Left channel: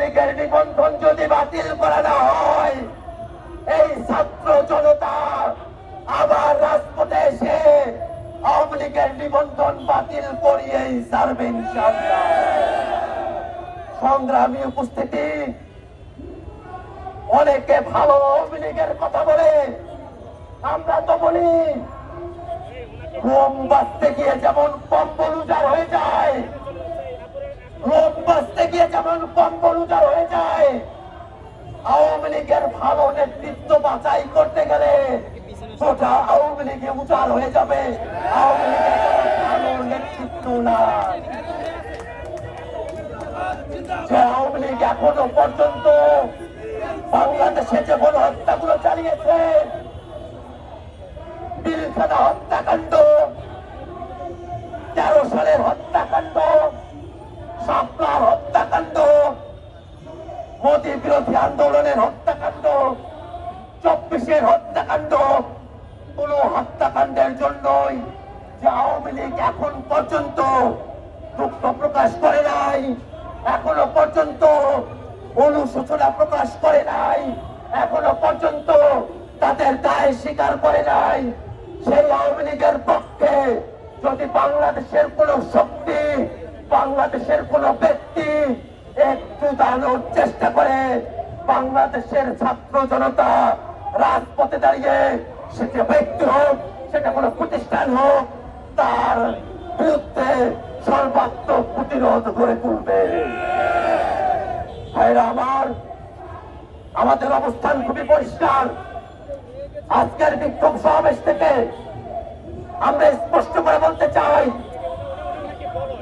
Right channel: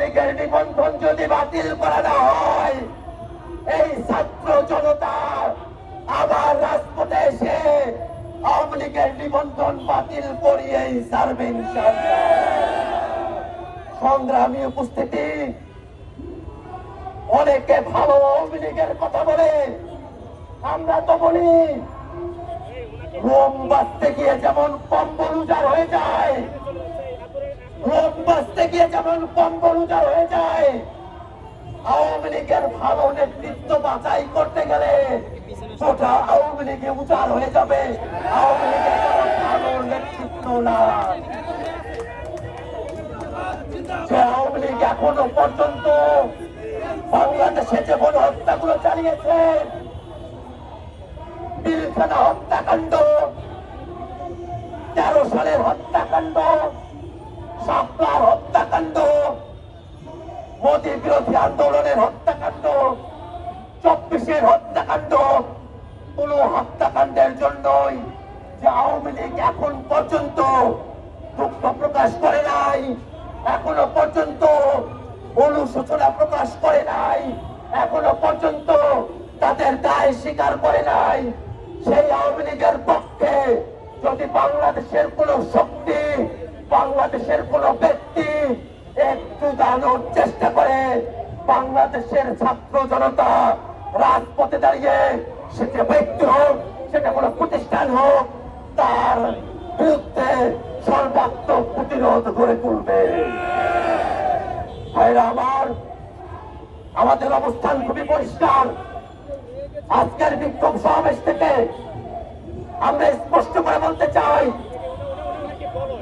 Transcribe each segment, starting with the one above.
লীগের নিবন্ধন যদি বাতিল করা না হয়, এই ছাত্র জনতা আবার রাজপথে এসে আওয়ামী লীগের নিবন্ধন বাতিল করিয়েই ছাড়বে ইনশাআল্লাহ। সংগ্রামী উপস্থিতি, অনেকে ভালো আওয়ামী লীগের কথা বলে, আমরা তো বলি রোম বাঁচতে গিয়ে যেমন কম্বল উজাড় হয়ে যায়, রোম বাঁচতে গিয়ে যেমন কম্বল উজাড় হয়ে যায়, আওয়ামী লীগের ভালো নেতৃত্ব বাছাই করতে গেলে গোটা আওয়ামী লীগে উজাড় হয়ে যাবে। আওয়ামী লীগের ভালো নেতৃত্ব না, যে আওয়ামী লীগ এখনো পর্যন্ত বাংলাদেশে যে গণহত্যাগুলো চালিয়েছে, পিলখানা হত্যাকাণ্ড, 13 সালের হত্যাকাণ্ড, শাপলার হত্যাকাণ্ড, মোদী বিরোধী আন্দোলনের হত্যাকাণ্ড, 24-এর হত্যাকাণ্ড, কোন হত্যাকাণ্ডের জন্যই যে আওয়ামী লীগ এখন পর্যন্ত দুঃখ প্রকাশ করে নাই, এখনো পর্যন্ত অনুশোচনা প্রকাশ করে নাই, এখনো পর্যন্ত তাদের দায় স্বীকার করে নাই, সেই আওয়ামী লীগের পক্ষে যদি বাংলাদেশের কোন শক্তি, বাংলাদেশের কোন ব্যক্তি একটু দাঁড়ানোর চেষ্টা করে, বাংলাদেশের ছাত্র জনতা রাজপথে দাঁড়িয়ে, সেটা ব্যক্তি হোক, সেটা কোন প্রতিষ্ঠান হোক, তার বিরুদ্ধে সর্বাত্মক প্রতিরোধ গড়ে তুলবে। ভাইরা আমার, আমাদের অবস্থান খুবই পরিষ্কার। আজকের বিক্ষোভ সমাবেশ থেকে আমরা স্পষ্ট করে বলতে চাই,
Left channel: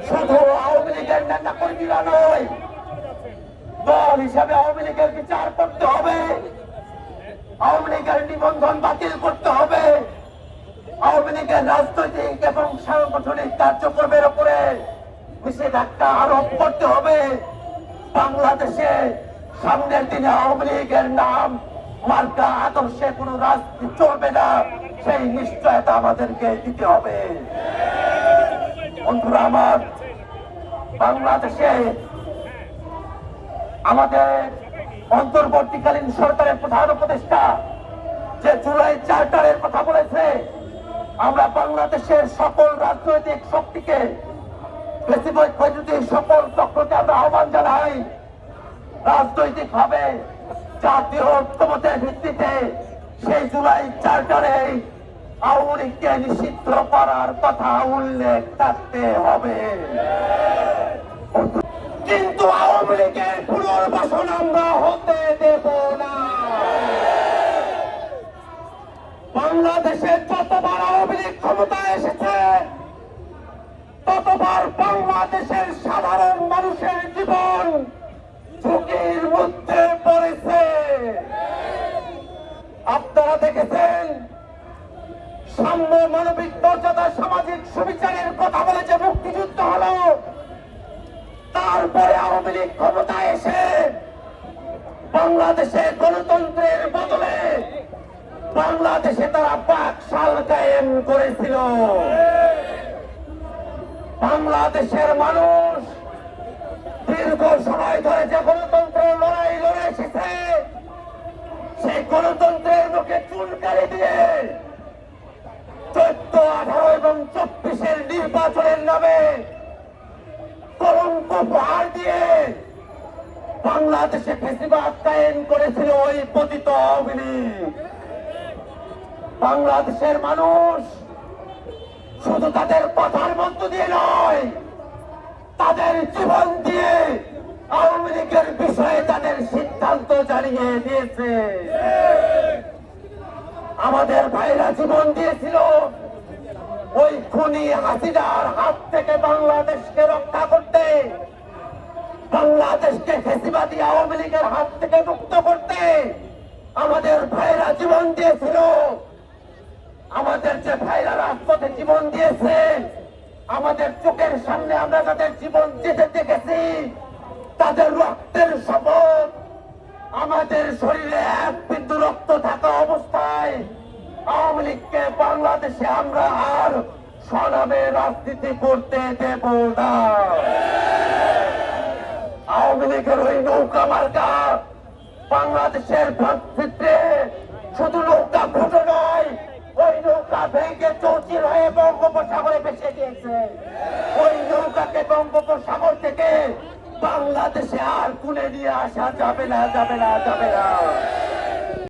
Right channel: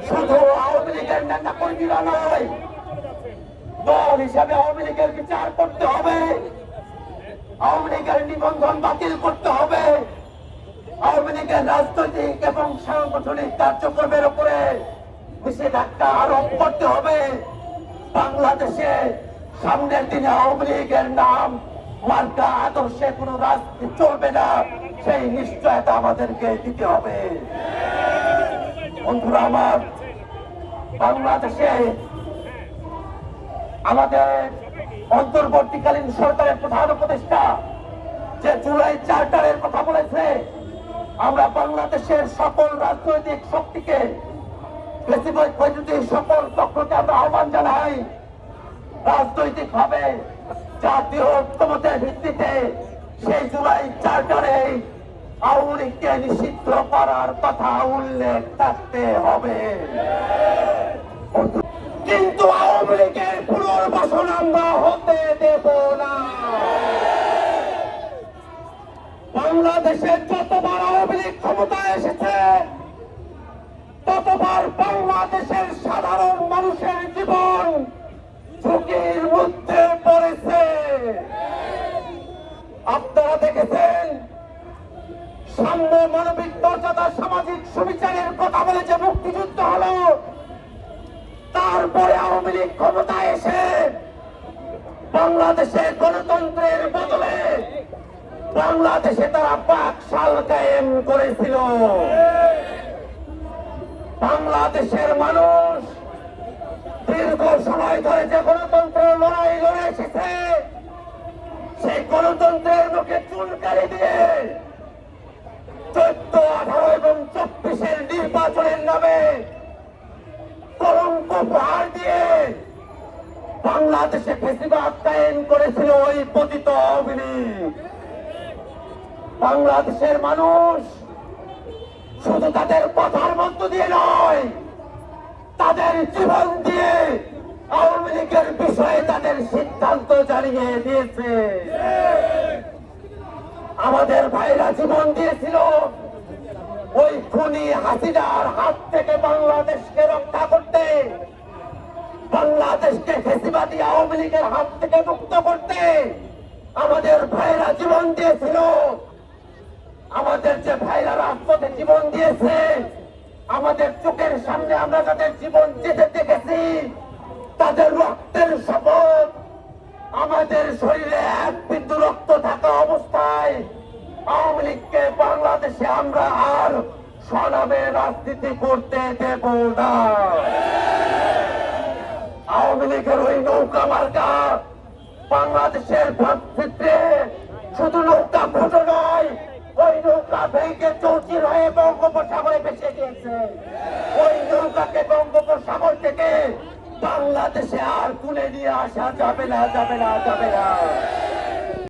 শুধু আওয়ামী লীগের নেতা কর্মীরা নয়, দল হিসাবে আওয়ামী লীগের বিচার করতে হবে, আওয়ামী লীগের নিবন্ধন বাতিল করতে হবে, আওয়ামী লীগের রাজনৈতিক এবং সাংগঠনিক কার্যক্রমের উপরে নিষেধাজ্ঞা আরোপ করতে হবে। বাংলাদেশে সামনের দিনে আওয়ামী লীগের নাম, মার্কা, আদর্শে কোন রাজনীতি চলবে না, সেই নিশ্চয়তা আমাদেরকে দিতে হবে। বন্ধুরা আমার, বাংলাদেশে আমাদের অন্তর্বর্তীকালীন সরকারের প্রধান উপদেষ্টা যে জুলাই চার্টারের কথা বলেছে, আমরা বাংলাদেশের সকল রাজনৈতিক শক্তিকে, সকল পক্ষকে আমরা আহ্বান জানাই, রাজনৈতিক ভাবে জাতীয় ঐক্যমতের ভিত্তিতে সেই জুলাই চার্টারে আওয়ামী লীগকে নিষিদ্ধ করার কথা উল্লেখ থাকতে হবে। কিন্তু আওয়ামী লীগের পুনর্বাসন আমরা হতে দেব না। বাংলাদেশে যতবার আওয়ামী লীগ ক্ষমতায় এসেছে, ততবার বাংলাদেশের সাধারণ মানুষের জীবন ঝুঁকির মধ্যে পড়েছে। আপনারা দেখেছেন, সাম্য, মানবিক মর্যাদা, সামাজিক সুবিচারের কথা বলে যে মুক্তিযুদ্ধ হলো, তারপরে আওয়ামী লীগ ক্ষমতায় এসে বাংলাদেশে গণতন্ত্রের বদলে বাংলাদেশে তারা বাকশাল কায়েম করেছিল। বাংলাদেশের মানুষ দীর্ঘ সময় ধরে যে গণতন্ত্রের লড়াই লড়ে এসেছে, সেই গণতন্ত্রের মুখে চুনকালি দিয়ে 14, 18 এবং 24-এর নির্বাচনের নামে কলঙ্ক প্রহার দিয়ে বাংলাদেশে ফ্যাসিবাদ কায়েম করেছিল ওই পতিত আওয়ামী লীগ। বাংলাদেশের মানুষ শুধু তাদের কথার মধ্য দিয়ে নয়, তাদের জীবন দিয়ে আওয়ামী লীগের বিষয়ে তাদের সিদ্ধান্ত জানিয়ে দিয়েছে। আমাদের ভাইরা জীবন দিয়েছিল ওই খুনি হাসিনার হাত থেকে বাংলাদেশকে রক্ষা করতে, বাংলাদেশকে ফ্যাসিবাদী আওয়ামী লীগের হাত থেকে মুক্ত করতে। আমাদের ভাইরা জীবন দিয়েছিল। আমাদের যে ভাইরা রাজপথে জীবন দিয়েছে, আমাদের চোখের সামনে আমরা তাদের জীবন যেতে দেখেছি, তাদের রক্তের শপথ আমাদের শরীরে এক বিন্দু রক্ত থাকা অবস্থায় আওয়ামী লীগকে বাংলাদেশে আমরা আর স্বনামে রাজনীতি করতে দেব না। আওয়ামী লীগের ওই নৌকা মার্কা বাংলাদেশের ভাতৃত্বে শুধু নৌকা ভোটো নয়, ওই নৌকা ভেঙে চৌচির হয়ে বঙ্গোপসাগরে ভেসে গিয়েছে। ওই নৌকাকে বঙ্গোপসাগর থেকে বাংলাদেশে আর তুলে নিয়ে আসা যাবে না, যাবে না, যাবে না।